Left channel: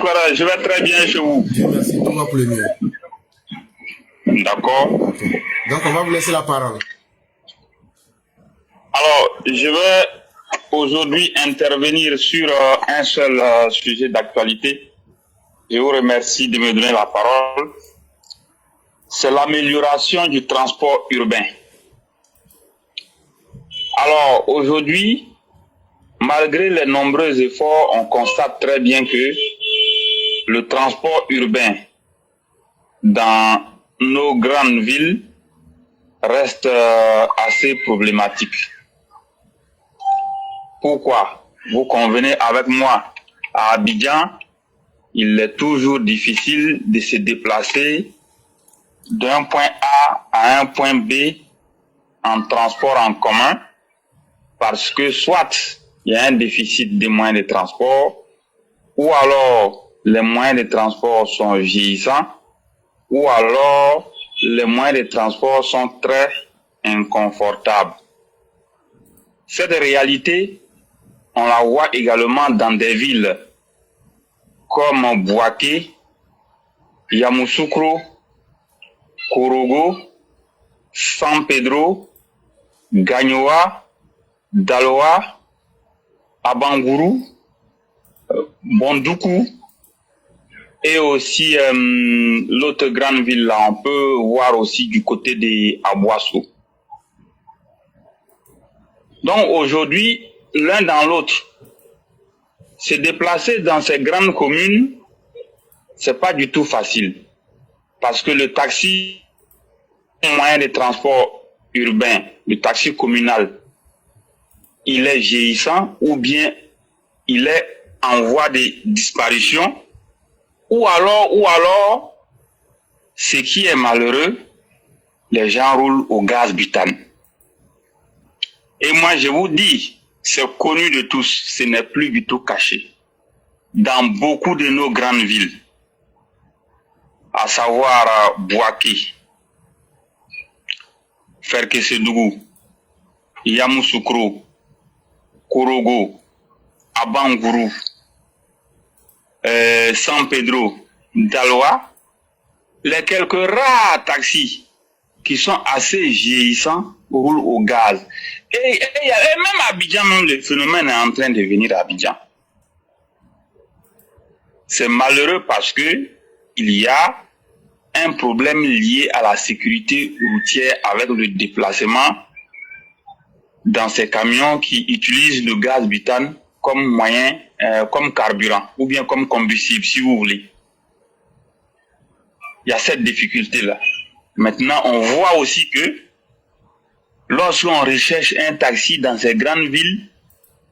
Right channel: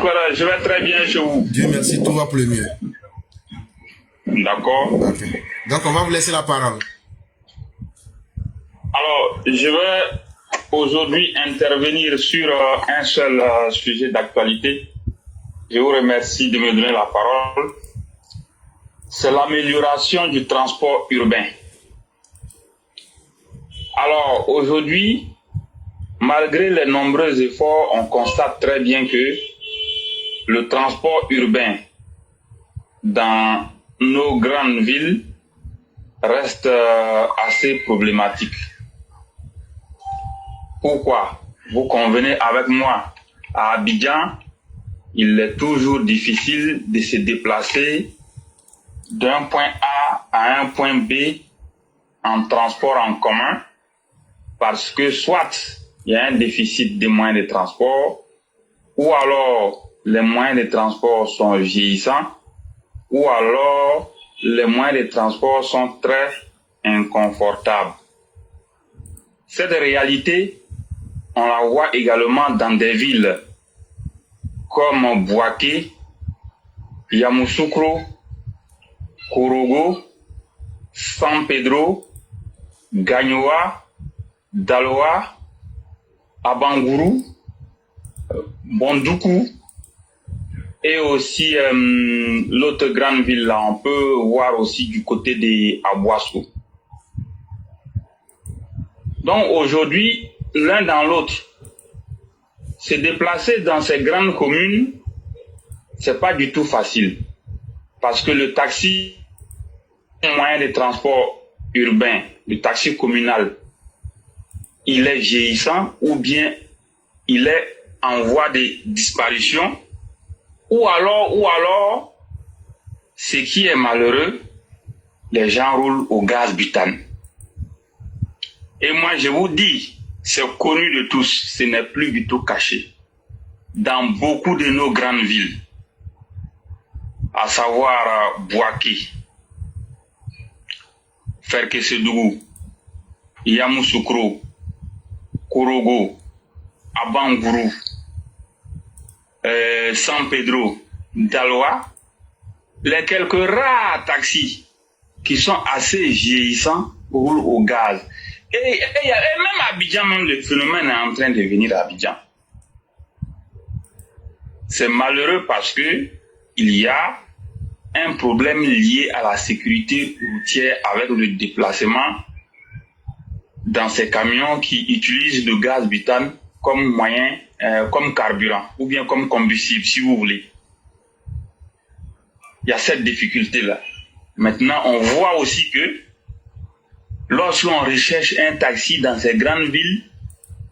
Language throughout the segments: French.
Clara, je vais très bien chez vous. Dieu merci, tout va pour le mieux. D'accord. Okay. Donc, on va vous laisser la parole. Alors, je vais aujourd'hui intervenir sur un seul sujet d'actualité. Je vous remercie de me donner la parole. C'est l'amélioration du transport urbain. Alors, aujourd'hui, malgré les nombreux efforts, on constate très bien que le transport urbain dans nos grandes villes reste assez problématique. Pourquoi? Vous convenez avec moi, à Abidjan, il est toujours difficile de se déplacer d'un point A à un point B en transport en commun parce que soit il y a un déficit des moyens de transport ou alors les moyens de transport sont vieillissants ou alors les moyens de transport sont très inconfortables. Cette réalité, on la voit également dans des villes comme Bouaké, Yamoussoukro, Korogo, San Pedro, Gagnoa, Daloa, Abangourou, Bondoukou et aussi l'autre grande ville là, on peut voir aussi du côté de Abouasso. Donc aujourd'hui, l'un dans l'autre, se déplacer dans ces grandes communes, c'est pas du tout facile. Parce que le taxi, un moyen de transport urbain, le taxi communal, il est vieillissant ou bien il est en voie de disparition ou alors, ce qui est malheureux, les gens roulent au gaz butane. Et moi, je vous dis, c'est connu de tous, ce n'est plus du tout caché. Dans beaucoup de nos grandes villes, à savoir Bouaké, Ferkesedougou, Yamoussoukro, Korogo, Abangourou, San Pedro, Daloa, les quelques rares taxis qui sont assez vieillissants roulent au gaz. Et même à Abidjan, le phénomène est en train de venir à Abidjan. C'est malheureux parce que il y a un problème lié à la sécurité routière avec le déplacement dans ces camions qui utilisent le gaz butane comme moyen, comme carburant ou bien comme combustible, si vous voulez. Il y a cette difficulté-là. Maintenant, on voit aussi que lorsqu'on recherche un taxi dans ces grandes villes,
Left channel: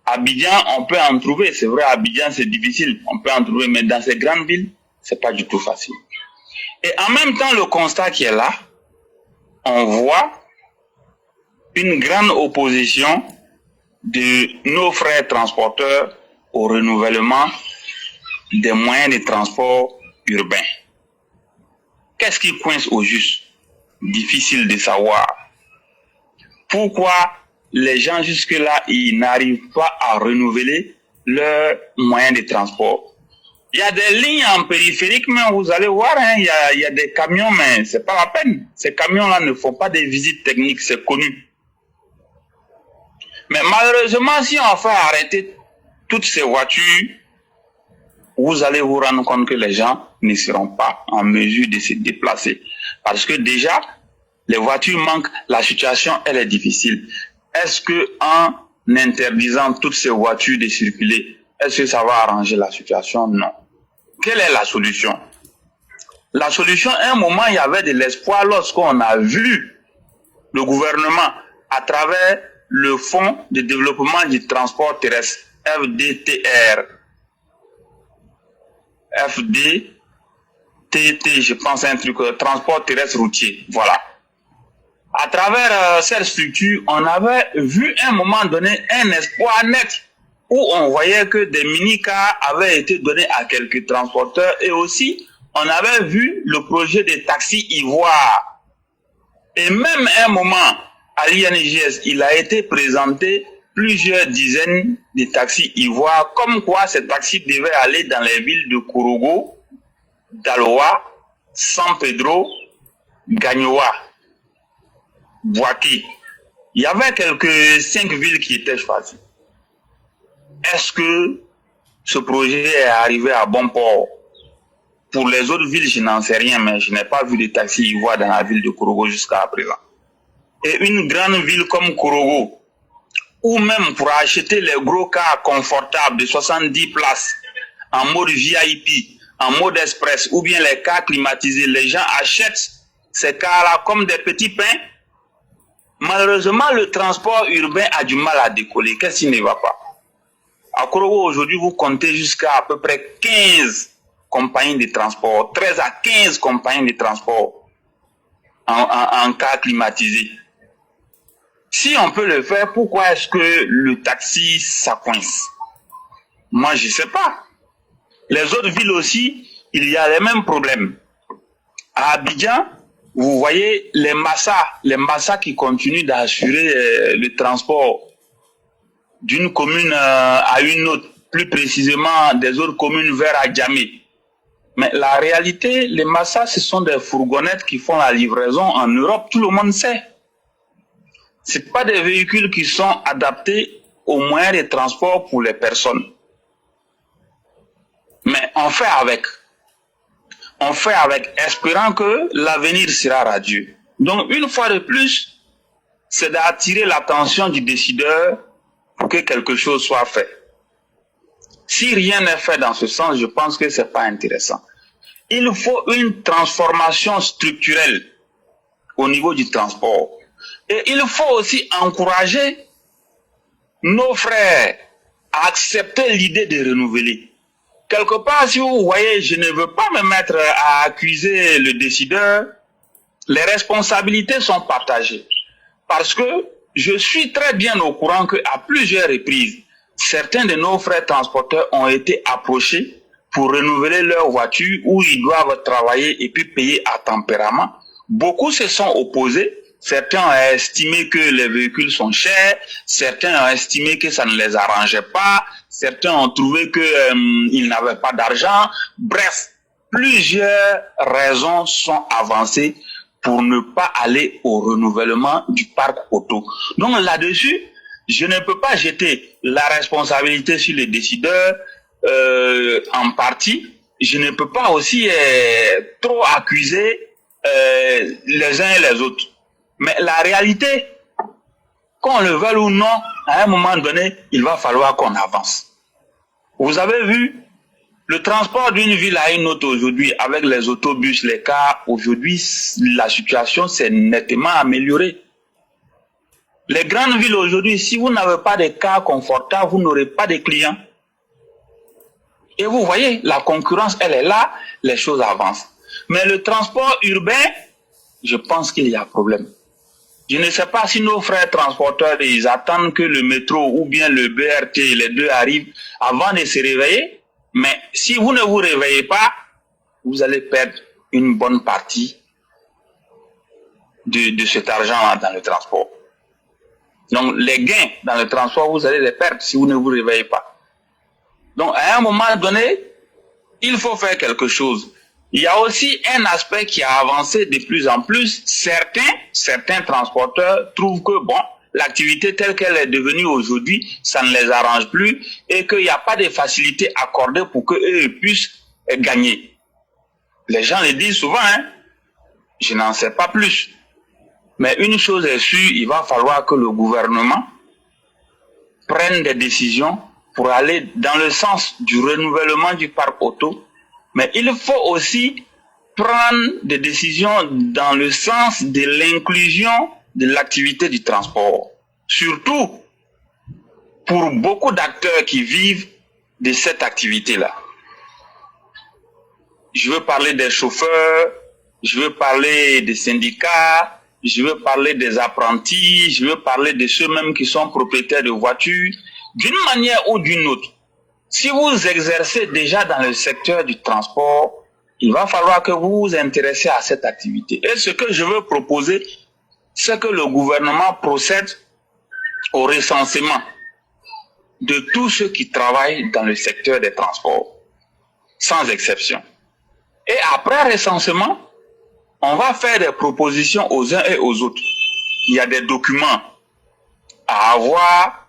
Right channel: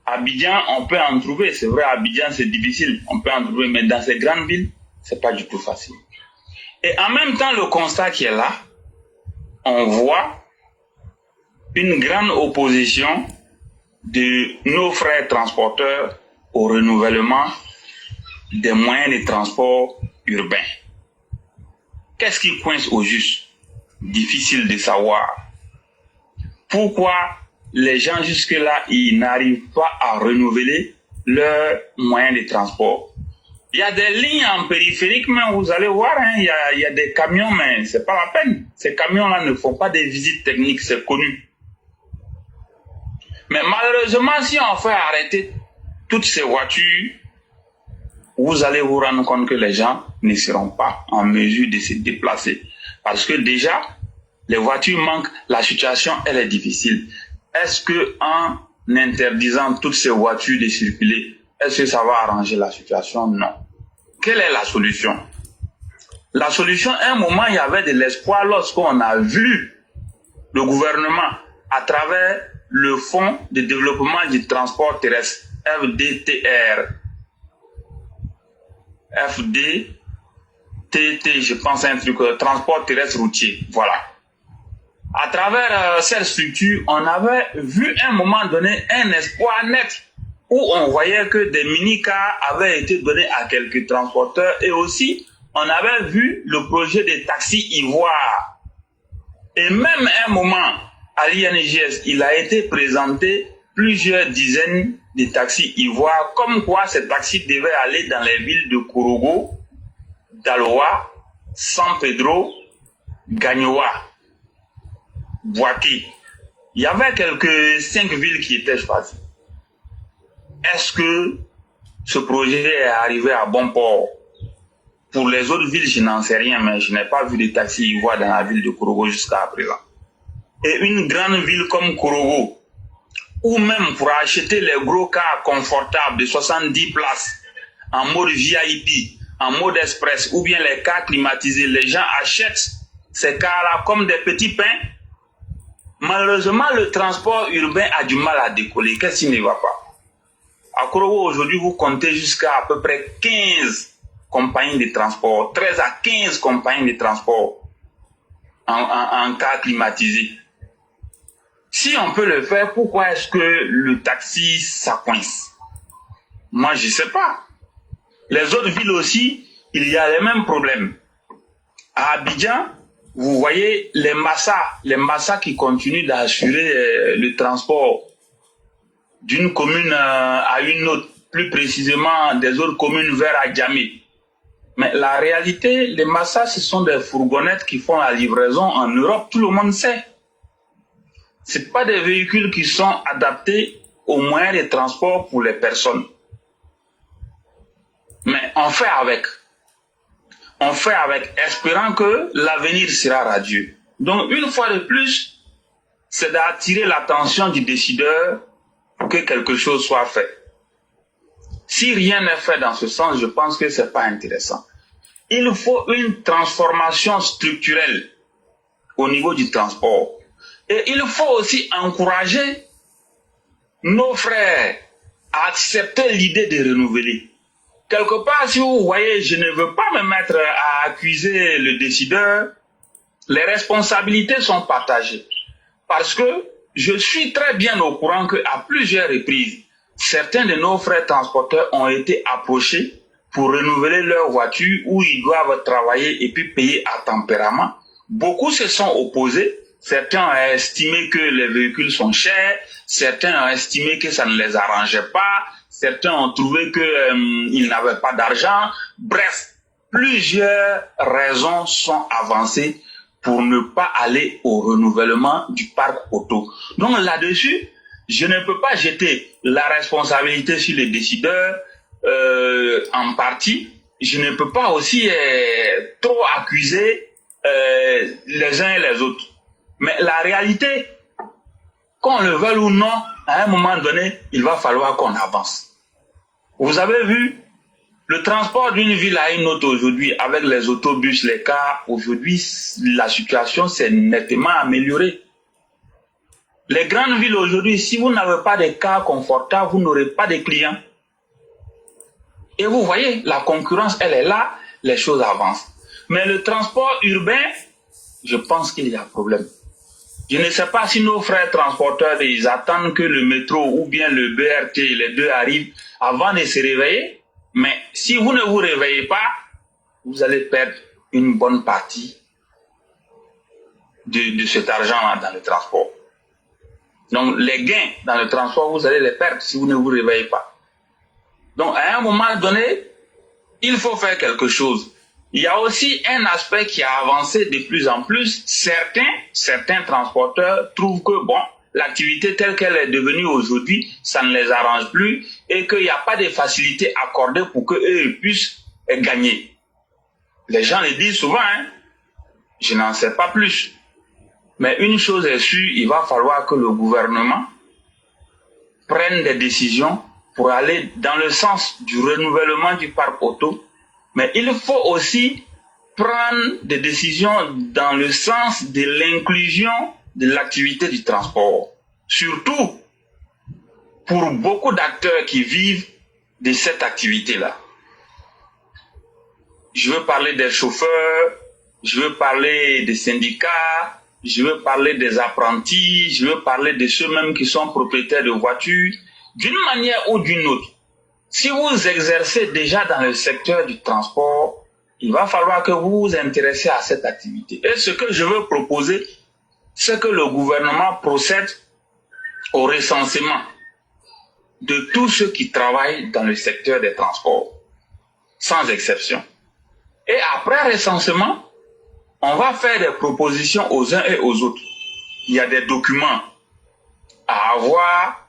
Abidjan, on peut en trouver. C'est vrai, Abidjan, c'est difficile. On peut en trouver, mais dans ces grandes villes, c'est pas du tout facile. Et en même temps, le constat qui est là, on voit une grande opposition de nos frères transporteurs au renouvellement des moyens de transport urbains. Qu'est-ce qui coince au juste? Difficile de savoir. Pourquoi les gens jusque-là, ils n'arrivent pas à renouveler leurs moyens de transport? Il y a des lignes en périphérique, mais vous allez voir, hein, il y a des camions, mais c'est pas la peine. Ces camions-là ne font pas des visites techniques, c'est connu. Mais malheureusement, si on fait arrêter toutes ces voitures, vous allez vous rendre compte que les gens ne seront pas en mesure de se déplacer. Parce que déjà, les voitures manquent, la situation, elle est difficile. Est-ce que en interdisant toutes ces voitures de circuler, est-ce que ça va arranger la situation? Non. Quelle est la solution? La solution, à un moment, il y avait de l'espoir lorsqu'on a vu le gouvernement, à travers le Fonds de développement du transport terrestre, FDTR, FDTT, je pense un truc, transport terrestre routier, voilà. À travers cette structure, on avait vu à un moment donné un espoir net où on voyait que des mini-cars avaient été donnés à quelques transporteurs et aussi on avait vu le projet des taxis ivoires. Et même à un moment, à l'INGS, il a été présenté plusieurs dizaines de taxis ivoires, comme quoi ces taxis devaient aller dans les villes de Korogo, Daloa, San Pedro, Gagnoa, Boaké. Il y avait quelques 5 villes qui étaient choisies. Est-ce que ce projet est arrivé à bon port? Pour les autres villes, je n'en sais rien, mais je n'ai pas vu de taxis ivoires dans la ville de Korogo jusqu'à présent. Et une grande ville comme Korogo, ou même pour acheter les gros cars confortables de 70 places en mode VIP, en mode express, ou bien les cars climatisés, les gens achètent ces cars-là comme des petits pains. Malheureusement, le transport urbain a du mal à décoller. Qu'est-ce qui ne va pas? À Korogo, aujourd'hui, vous comptez jusqu'à à peu près 15 compagnies de transport, 13 à 15 compagnies de transport en cas climatisé. Si on peut le faire, pourquoi est-ce que le taxi, ça coince? Moi, je ne sais pas. Les autres villes aussi, il y a les mêmes problèmes. À Abidjan, vous voyez les Massa qui continuent d'assurer le transport d'une commune à une autre, plus précisément des autres communes vers Adjamé. Mais la réalité, les Massa, ce sont des fourgonnettes qui font la livraison en Europe, tout le monde sait. Ce ne sont pas des véhicules qui sont adaptés aux moyens de transport pour les personnes. Mais on fait avec. On fait avec, espérant que l'avenir sera radieux. Donc, une fois de plus, c'est d'attirer l'attention du décideur pour que quelque chose soit fait. Si rien n'est fait dans ce sens, je pense que ce n'est pas intéressant. Il faut une transformation structurelle au niveau du transport. Et il faut aussi encourager nos frères à accepter l'idée de renouveler. Quelque part, si vous voyez, je ne veux pas me mettre à accuser le décideur, les responsabilités sont partagées. Parce que je suis très bien au courant qu'à plusieurs reprises, certains de nos frères transporteurs ont été approchés pour renouveler leur voiture où ils doivent travailler et puis payer à tempérament. Beaucoup se sont opposés. Certains ont estimé que les véhicules sont chers, certains ont estimé que ça ne les arrangeait pas, certains ont trouvé qu'ils n'avaient pas d'argent. Bref, plusieurs raisons sont avancées pour ne pas aller au renouvellement du parc auto. Donc là-dessus, je ne peux pas jeter la responsabilité sur les décideurs en partie. Je ne peux pas aussi trop accuser les uns et les autres. Mais la réalité, qu'on le veuille ou non, à un moment donné, il va falloir qu'on avance. Vous avez vu, le transport d'une ville à une autre aujourd'hui, avec les autobus, les cars, aujourd'hui, la situation s'est nettement améliorée. Les grandes villes aujourd'hui, si vous n'avez pas de cars confortables, vous n'aurez pas de clients. Et vous voyez, la concurrence, elle est là, les choses avancent. Mais le transport urbain, je pense qu'il y a problème. Je ne sais pas si nos frères transporteurs, ils attendent que le métro ou bien le BRT, les deux arrivent avant de se réveiller. Mais si vous ne vous réveillez pas, vous allez perdre une bonne partie de cet argent dans le transport. Donc les gains dans le transport, vous allez les perdre si vous ne vous réveillez pas. Donc à un moment donné, il faut faire quelque chose. Il y a aussi un aspect qui a avancé de plus en plus. Certains transporteurs trouvent que l'activité telle qu'elle est devenue aujourd'hui, ça ne les arrange plus et qu'il n'y a pas de facilité accordée pour qu'eux puissent gagner. Les gens le disent souvent, je n'en sais pas plus. Mais une chose est sûre, il va falloir que le gouvernement prenne des décisions pour aller dans le sens du renouvellement du parc auto. Mais il faut aussi prendre des décisions dans le sens de l'inclusion de l'activité du transport. Surtout pour beaucoup d'acteurs qui vivent de cette activité-là. Je veux parler des chauffeurs, je veux parler des syndicats, je veux parler des apprentis, je veux parler de ceux-mêmes qui sont propriétaires de voitures. D'une manière ou d'une autre, si vous exercez déjà dans le secteur du transport, il va falloir que vous vous intéressiez à cette activité. Et ce que je veux proposer, c'est que le gouvernement procède au recensement de tous ceux qui travaillent dans le secteur des transports, sans exception. Et après recensement, on va faire des propositions aux uns et aux autres. Il y a des documents à avoir,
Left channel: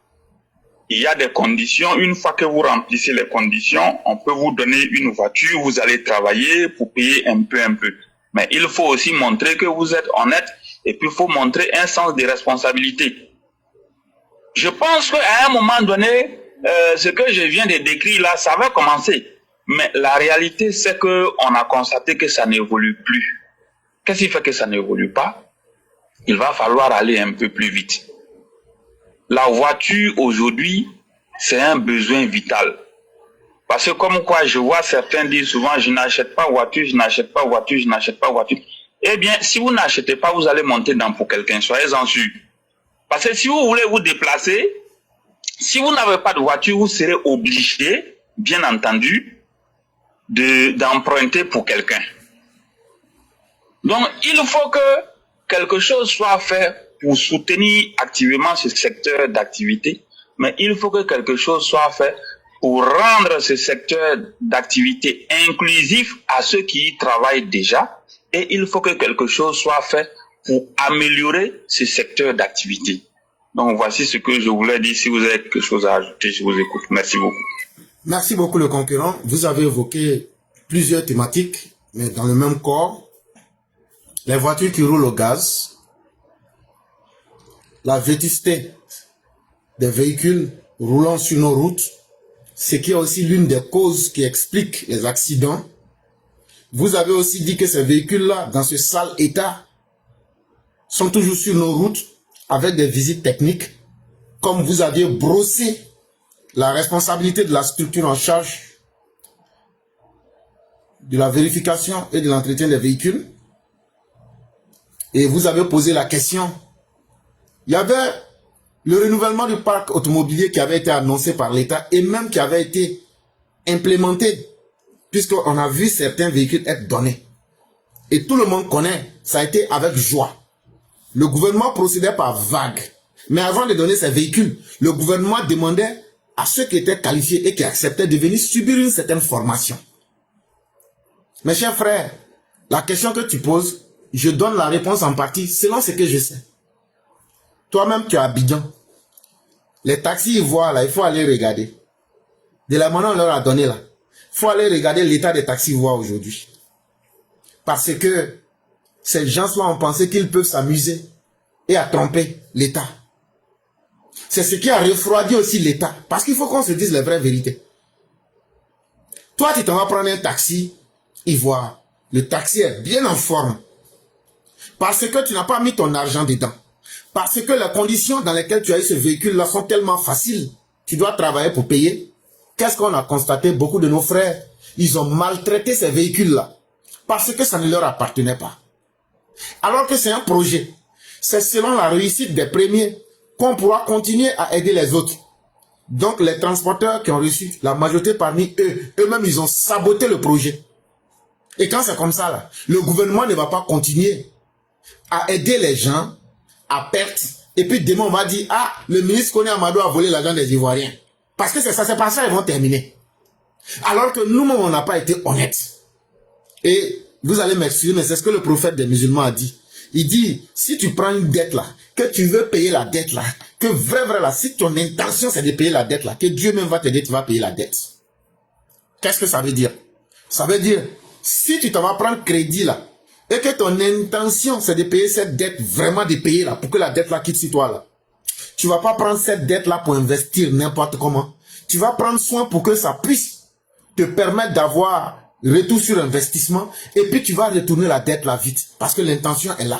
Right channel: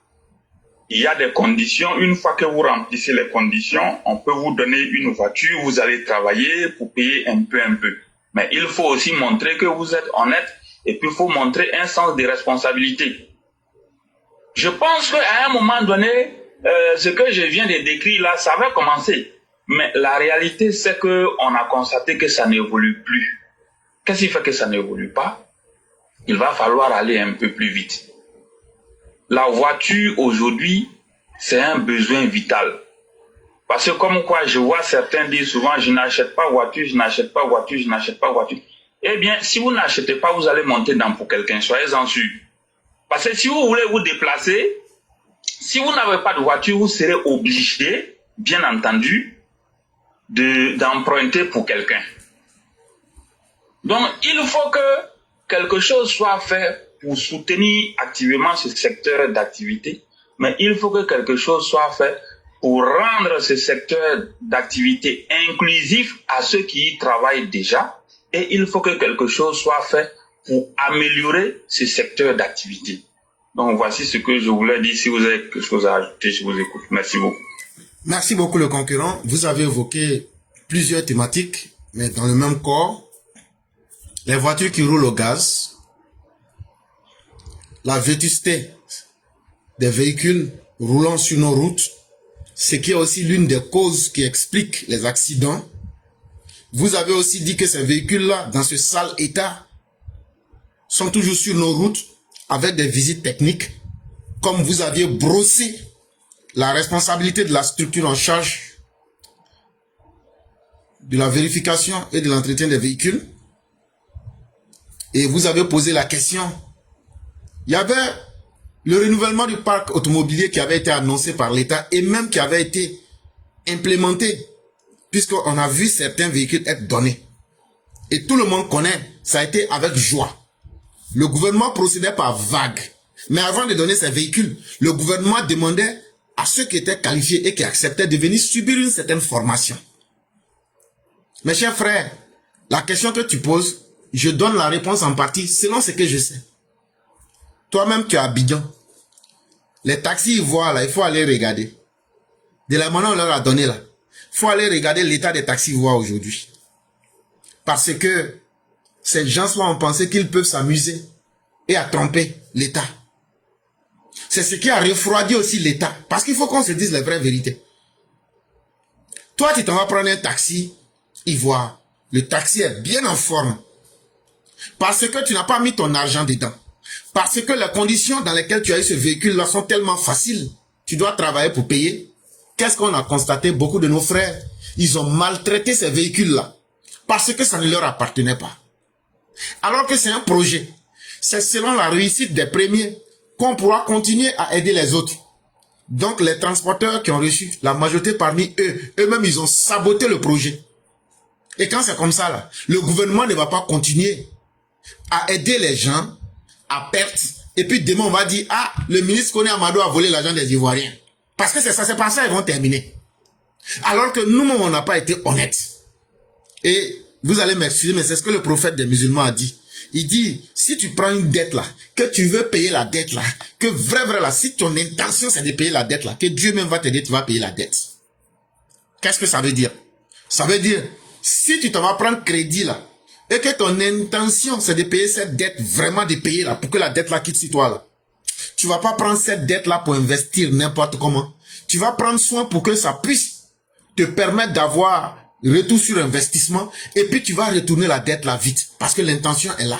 il y a des conditions. Une fois que vous remplissez les conditions, on peut vous donner une voiture, vous allez travailler pour payer un peu. Mais il faut aussi montrer que vous êtes honnête et puis il faut montrer un sens de responsabilité. Je pense qu'à un moment donné, ce que je viens de décrire là, ça va commencer. Mais la réalité, c'est qu'on a constaté que ça n'évolue plus. Qu'est-ce qui fait que ça n'évolue pas? Il va falloir aller un peu plus vite. La voiture aujourd'hui, c'est un besoin vital. Parce que comme quoi, je vois certains dire souvent, je n'achète pas voiture, je n'achète pas voiture, je n'achète pas voiture. Eh bien, si vous n'achetez pas, vous allez monter dans pour quelqu'un, soyez-en sûrs. Parce que si vous voulez vous déplacer, si vous n'avez pas de voiture, vous serez obligé, bien entendu, d'emprunter pour quelqu'un. Donc, il faut que quelque chose soit fait pour soutenir activement ce secteur d'activité, mais il faut que quelque chose soit fait pour rendre ce secteur d'activité inclusif à ceux qui y travaillent déjà, et il faut que quelque chose soit fait pour améliorer ce secteur d'activité. Donc, voici ce que je voulais dire. Si vous avez quelque chose à ajouter, je vous écoute. Merci beaucoup. Merci beaucoup, le concurrent. Vous avez évoqué plusieurs thématiques, mais dans le même corps. Les voitures qui roulent au gaz, la vétusté des véhicules roulant sur nos routes, ce qui est aussi l'une des causes qui explique les accidents. Vous avez aussi dit que ces véhicules-là, dans ce sale état, sont toujours sur nos routes avec des visites techniques, comme vous aviez brossé la responsabilité de la structure en charge de la vérification et de l'entretien des véhicules. Et vous avez posé la question. Il y avait le renouvellement du parc automobilier qui avait été annoncé par l'État et même qui avait été implémenté, puisqu'on a vu certains véhicules être donnés. Et tout le monde connaît, ça a été avec joie. Le gouvernement procédait par vague. Mais avant de donner ces véhicules, le gouvernement demandait à ceux qui étaient qualifiés et qui acceptaient de venir subir une certaine formation. Mes chers frères, la question que tu poses, je donne la réponse en partie selon ce que je sais. Toi-même, tu es à Abidjan. Les taxis ivoires, là, il faut aller regarder. De la manière on leur a donné là. Il faut aller regarder l'état des taxis ivoires aujourd'hui. Parce que ces gens-là ont pensé qu'ils peuvent s'amuser et à tromper l'État. C'est ce qui a refroidi aussi l'État. Parce qu'il faut qu'on se dise la vraie vérité. Toi, tu t'en vas prendre un taxi ivoire. Le taxi est bien en forme. Parce que tu n'as pas mis ton argent dedans. Parce que les conditions dans lesquelles tu as eu ce véhicule-là sont tellement faciles. Tu dois travailler pour payer. Qu'est-ce qu'on a constaté? Beaucoup de nos frères, ils ont maltraité ces véhicules-là. Parce que ça ne leur appartenait pas. Alors que c'est un projet. C'est selon la réussite des premiers qu'on pourra continuer à aider les autres. Donc les transporteurs qui ont reçu, la majorité parmi eux, eux-mêmes, ils ont saboté le projet. Et quand c'est comme ça, là, le gouvernement ne va pas continuer à aider les gens à perte. Et puis demain, on va dire, ah, le ministre Koné Amadou a volé l'argent des Ivoiriens. Parce que c'est ça, c'est par ça qu'ils vont terminer. Alors que nous, on n'a pas été honnêtes. Et vous allez m'excuser, mais c'est ce que le prophète des musulmans a dit. Il dit, si tu prends une dette là, que tu veux payer la dette là, que vrai là, si ton intention c'est de payer la dette là, que Dieu même va t'aider, tu vas payer la dette. Qu'est-ce que ça veut dire? Ça veut dire, si tu t'en vas prendre crédit là, et que ton intention c'est de payer cette dette, vraiment de payer là, pour que la dette là quitte sur toi là, tu vas pas prendre cette dette là pour investir n'importe comment. Tu vas prendre soin pour que ça puisse te permettre d'avoir retour sur investissement, et puis tu vas retourner la dette là vite, parce que l'intention est là.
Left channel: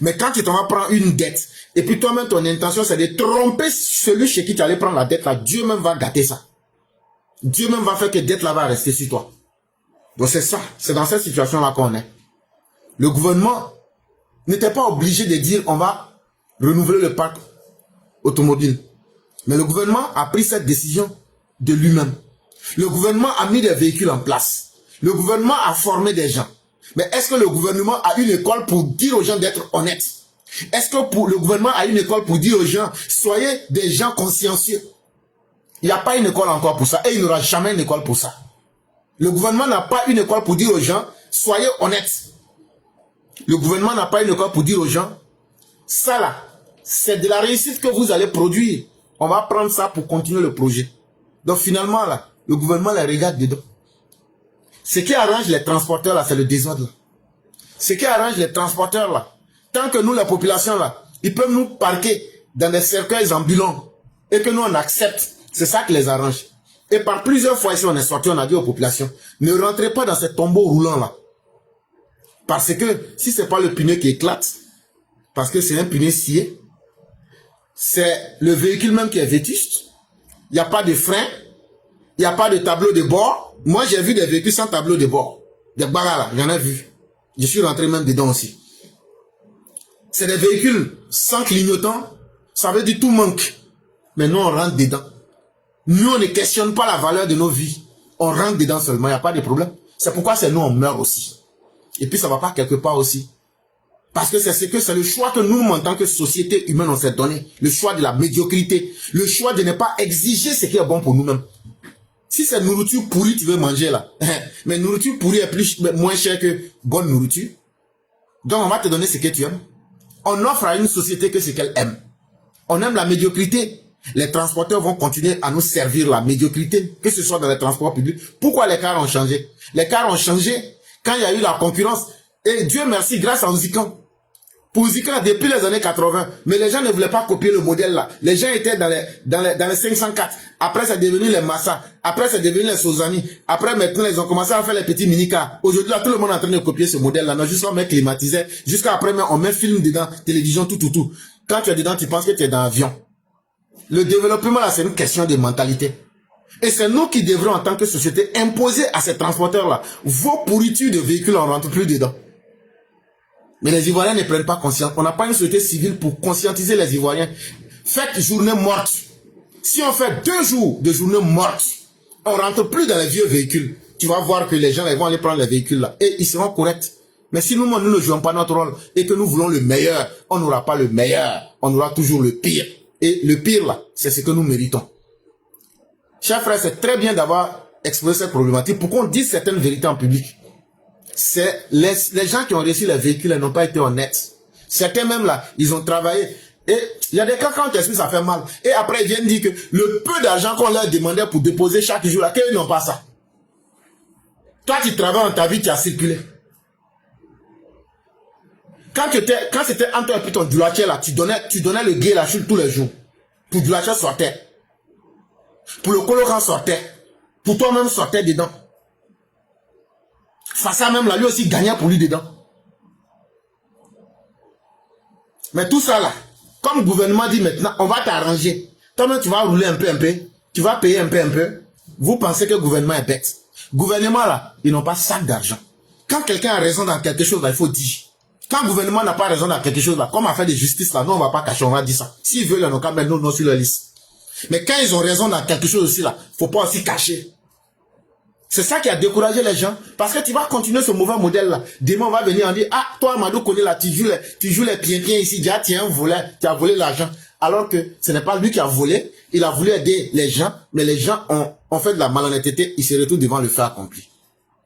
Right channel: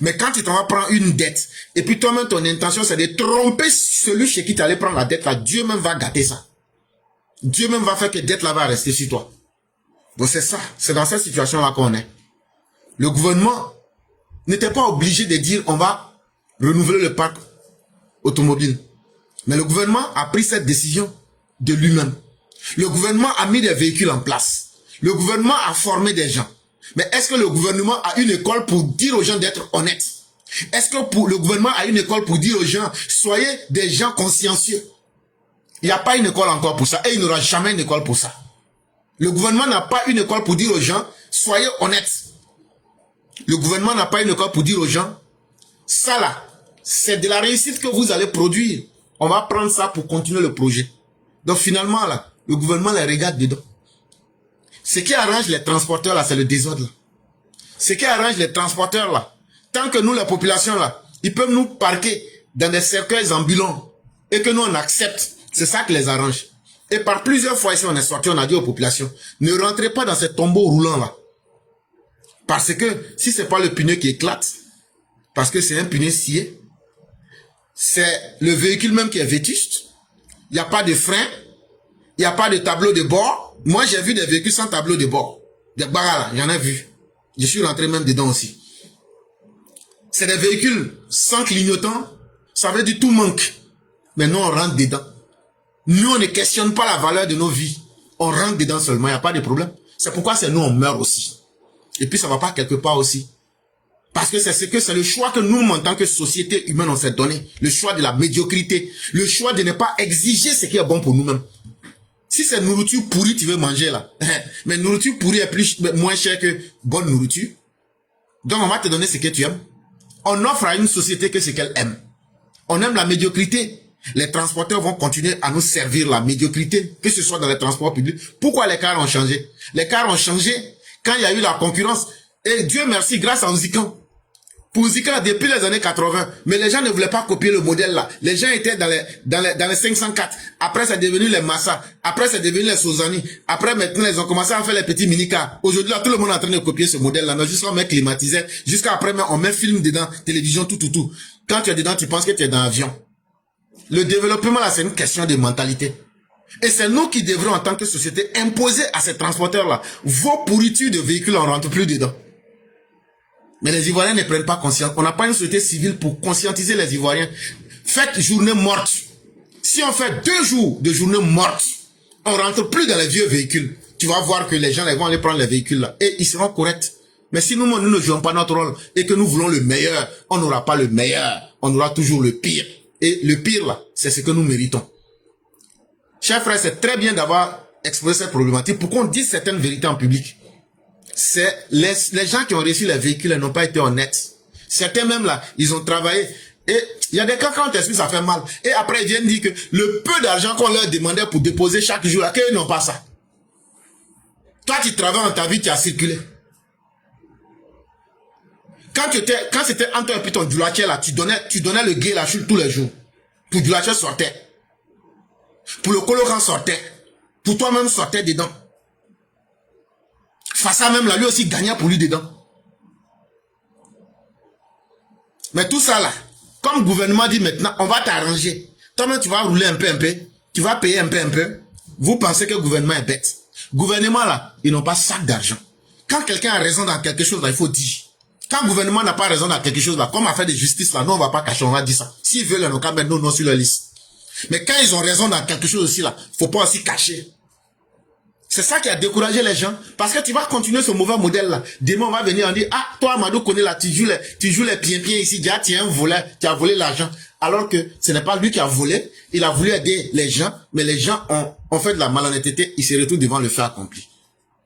Mais quand tu t'en vas prendre une dette, et puis toi-même ton intention c'est de tromper celui chez qui tu allais prendre la dette là, Dieu même va gâter ça. Dieu même va faire que la dette là va rester sur toi. Donc c'est ça, c'est dans cette situation là qu'on est. Le gouvernement n'était pas obligé de dire on va renouveler le parc automobile. Mais le gouvernement a pris cette décision de lui-même. Le gouvernement a mis des véhicules en place. Le gouvernement a formé des gens. Mais est-ce que le gouvernement a une école pour dire aux gens d'être honnêtes? Est-ce que le gouvernement a une école pour dire aux gens, soyez des gens consciencieux? Il n'y a pas une école encore pour ça. Et il n'y aura jamais une école pour ça. Le gouvernement n'a pas une école pour dire aux gens, soyez honnêtes. Le gouvernement n'a pas une école pour dire aux gens, ça là, c'est de la réussite que vous allez produire. On va prendre ça pour continuer le projet. Donc finalement là, le gouvernement les regarde dedans. Ce qui arrange les transporteurs là, c'est le désordre là. Ce qui arrange les transporteurs là, tant que nous, la population là, ils peuvent nous parquer dans des cercueils ambulants et que nous on accepte, c'est ça qui les arrange. Et par plusieurs fois ici on est sorti, on a dit aux populations, ne rentrez pas dans ces tombeaux roulants là. Parce que si c'est pas le pneu qui éclate, parce que c'est un pneu scié, c'est le véhicule même qui est vétuste, il n'y a pas de frein, il n'y a pas de tableau de bord. Moi j'ai vu des véhicules sans tableau de bord, des barras là, j'en ai vu. Je suis rentré même dedans aussi. C'est des véhicules sans clignotant, ça veut dire tout manque. Mais nous on rentre dedans. Nous on ne questionne pas la valeur de nos vies. On rentre dedans seulement, il n'y a pas de problème. C'est pourquoi c'est nous on meurt aussi. Et puis ça ne va pas quelque part aussi. Parce que c'est le choix que nous, en tant que société humaine, on s'est donné. Le choix de la médiocrité. Le choix de ne pas exiger ce qui est bon pour nous-mêmes. Si c'est nourriture pourrie, tu veux manger là. Mais nourriture pourrie est moins chère que bonne nourriture. Donc on va te donner ce que tu aimes. On offre à une société que ce qu'elle aime. On aime la médiocrité. Les transporteurs vont continuer à nous servir la médiocrité, que ce soit dans les transports publics. Pourquoi les cars ont changé? Les cars ont changé quand il y a eu la concurrence. Et Dieu merci, grâce à Ouzikan. Pour Ouzikan, depuis les années 80, mais les gens ne voulaient pas copier le modèle là. Les gens étaient dans les 504. Après, c'est devenu les Massa. Après, c'est devenu les Sozani. Après, maintenant, ils ont commencé à faire les petits mini-cars. Aujourd'hui, là, tout le monde est en train de copier ce modèle là. Mais jusqu'à on met climatiseur. Jusqu'à après, on met film dedans, télévision, tout. Quand tu es dedans, tu penses que tu es dans l'avion. Le développement là, c'est une question de mentalité. Et c'est nous qui devrons, en tant que société, imposer à ces transporteurs-là, vos pourritures de véhicules, on ne rentre plus dedans. Mais les Ivoiriens ne prennent pas conscience. On n'a pas une société civile pour conscientiser les Ivoiriens. Faites journée morte. Si on fait 2 jours de journée morte, on ne rentre plus dans les vieux véhicules. Tu vas voir que les gens vont aller prendre les véhicules là. Et ils seront corrects. Mais si nous ne jouons pas notre rôle et que nous voulons le meilleur, on n'aura pas le meilleur. On aura toujours le pire. Et le pire là, c'est ce que nous méritons. Chers frères, c'est très bien d'avoir exposé cette problématique. Pourquoi on dit certaines vérités en public? C'est les gens qui ont reçu les véhicules n'ont pas été honnêtes. Certains même là, ils ont travaillé. Et il y a des cas quand on t'explique, ça fait mal. Et après, ils viennent dire que le peu d'argent qu'on leur demandait pour déposer chaque jour, là, qu'ils n'ont pas ça. Toi, tu travailles dans ta vie, tu as circulé. Quand c'était entre un ton doulaché là, tu donnais le gué là tous les jours. Pour le doulaché sortait. Pour le colorant sortait. Pour toi-même sortait dedans. Fassa même là, lui aussi gagnait pour lui dedans. Mais tout ça là, comme le gouvernement dit maintenant, on va t'arranger. Toi-même tu vas rouler un peu, tu vas payer un peu. Vous pensez que le gouvernement est bête. Gouvernement là, ils n'ont pas sac d'argent. Quand quelqu'un a raison dans quelque chose là, il faut dire. Quand le gouvernement n'a pas raison dans quelque chose là, comme affaire de justice là, non on va pas cacher, on a dit ça. S'ils veulent, on va mettre nos noms sur leur liste. Mais quand ils ont raison dans quelque chose aussi là, faut pas aussi cacher. C'est ça qui a découragé les gens. Parce que tu vas continuer ce mauvais modèle là. Demain on va venir en dire, ah toi Amadou connais là, tu joues les pieds ici, déjà tu es un voleur, tu as volé l'argent. Alors que ce n'est pas lui qui a volé, il a voulu aider les gens, mais les gens ont fait de la malhonnêteté, ils se retrouvent devant le fait accompli.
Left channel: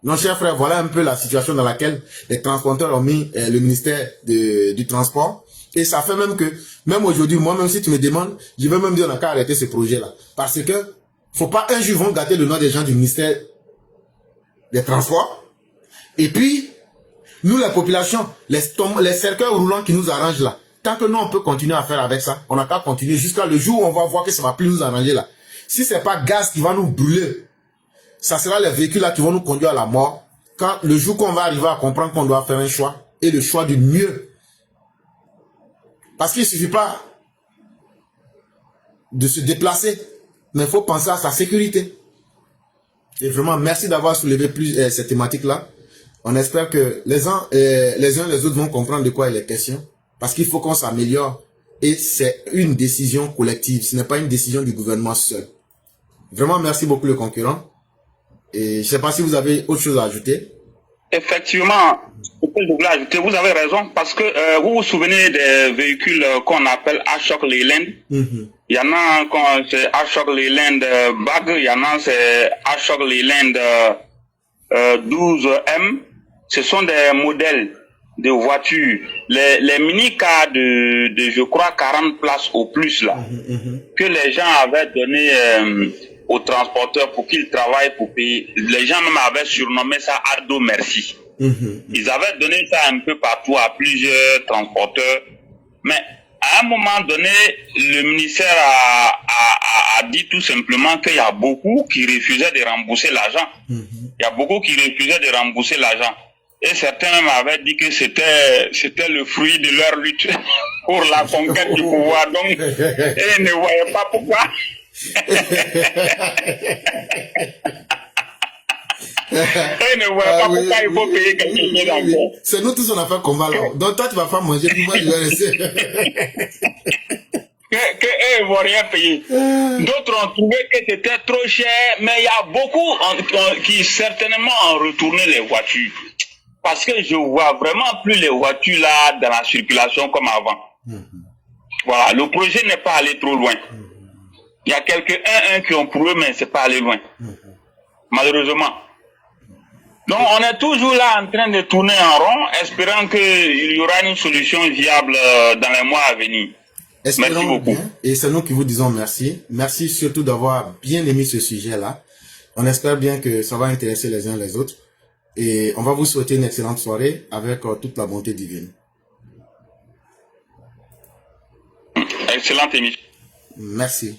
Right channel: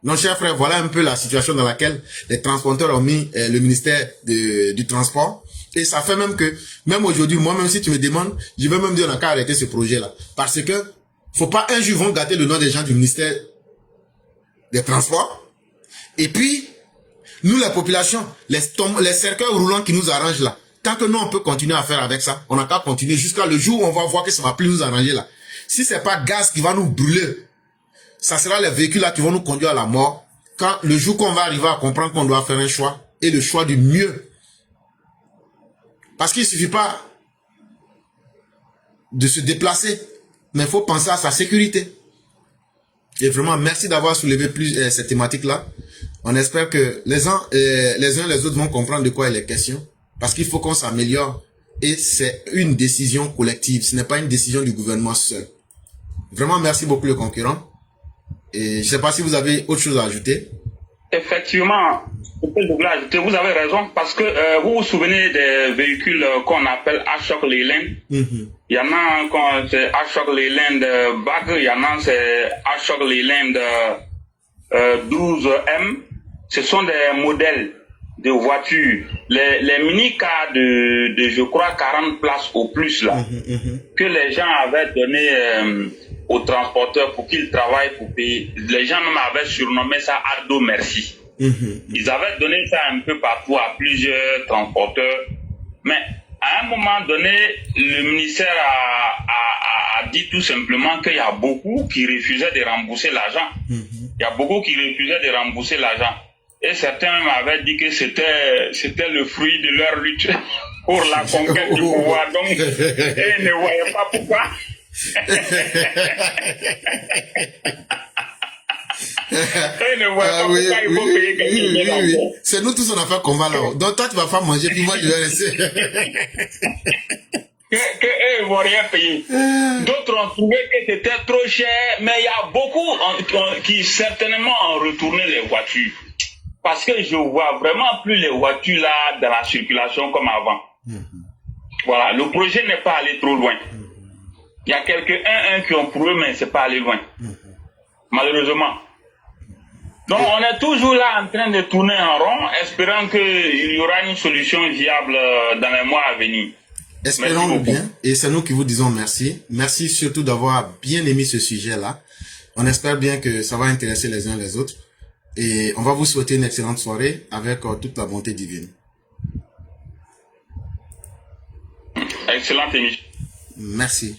Non, chers frères, voilà un peu la situation dans laquelle les transporteurs ont mis le ministère du Transport. Et ça fait même que, même aujourd'hui, moi-même, si tu me demandes, je vais même dire, on n'a qu'à arrêter ce projet-là. Parce que, faut pas un jour vont gâter le nom des gens du ministère des Transports. Et puis, nous, la population, les cercueils roulants qui nous arrangent là, tant que nous, on peut continuer à faire avec ça, on n'a qu'à continuer jusqu'à le jour où on va voir que ça va plus nous arranger là. Si c'est pas gaz qui va nous brûler, ça sera les véhicules là qui vont nous conduire à la mort. Quand le jour qu'on va arriver à comprendre qu'on doit faire un choix, et le choix du mieux. Parce qu'il ne suffit pas de se déplacer, mais il faut penser à sa sécurité. Et vraiment, merci d'avoir soulevé cette thématique-là. On espère que les uns les autres vont comprendre de quoi il est question. Parce qu'il faut qu'on s'améliore. Et c'est une décision collective. Ce n'est pas une décision du gouvernement seul. Vraiment, merci beaucoup le concurrent. Et je ne sais pas si vous avez autre chose à ajouter. Effectivement, que je voulais ajouter, vous avez raison, parce que vous vous souvenez des véhicules qu'on appelle Ashok Leyland. Il y en a quand c'est Ashok Leyland Bag, il y en a c'est Ashok Leyland 12M. Ce sont des modèles de voitures, les mini-cars de je crois 40 places au plus là, que les gens avaient donné aux transporteurs pour qu'ils travaillent pour payer. Les gens m'avaient surnommé ça Ardo Merci. Ils avaient donné ça un peu partout à plusieurs transporteurs, mais à un moment donné, le ministère a dit tout simplement qu'il y a beaucoup qui refusaient de rembourser l'argent. Il y a beaucoup qui refusaient de rembourser l'argent. Et certains m'avaient dit que c'était le fruit de leur lutte pour la conquête du pouvoir. Donc, ils ne voyaient pas pourquoi. Ils ne voyaient pas pourquoi il faut payer quelque chose d'argent. C'est nous tous on a fait combat là. Donc toi tu vas pas manger, puis moi je vais laisser. Que eux ne vont rien payer. D'autres ont trouvé que c'était trop cher, mais il y a beaucoup qui certainement ont retourné les voitures. Parce que je vois vraiment plus les voitures là dans la circulation comme avant. Voilà, le projet n'est pas allé trop loin. Il y a quelques uns qui ont prouvé, mais c'est pas allé loin. Malheureusement. Donc on est toujours là en train de tourner en rond, espérant qu'il y aura une solution viable dans les mois à venir. Espérons bien, et c'est nous qui vous disons merci. Merci surtout d'avoir bien aimé ce sujet-là. On espère bien que ça va intéresser les uns les autres. Et on va vous souhaiter une excellente soirée avec toute la bonté divine. Excellente émission. Merci.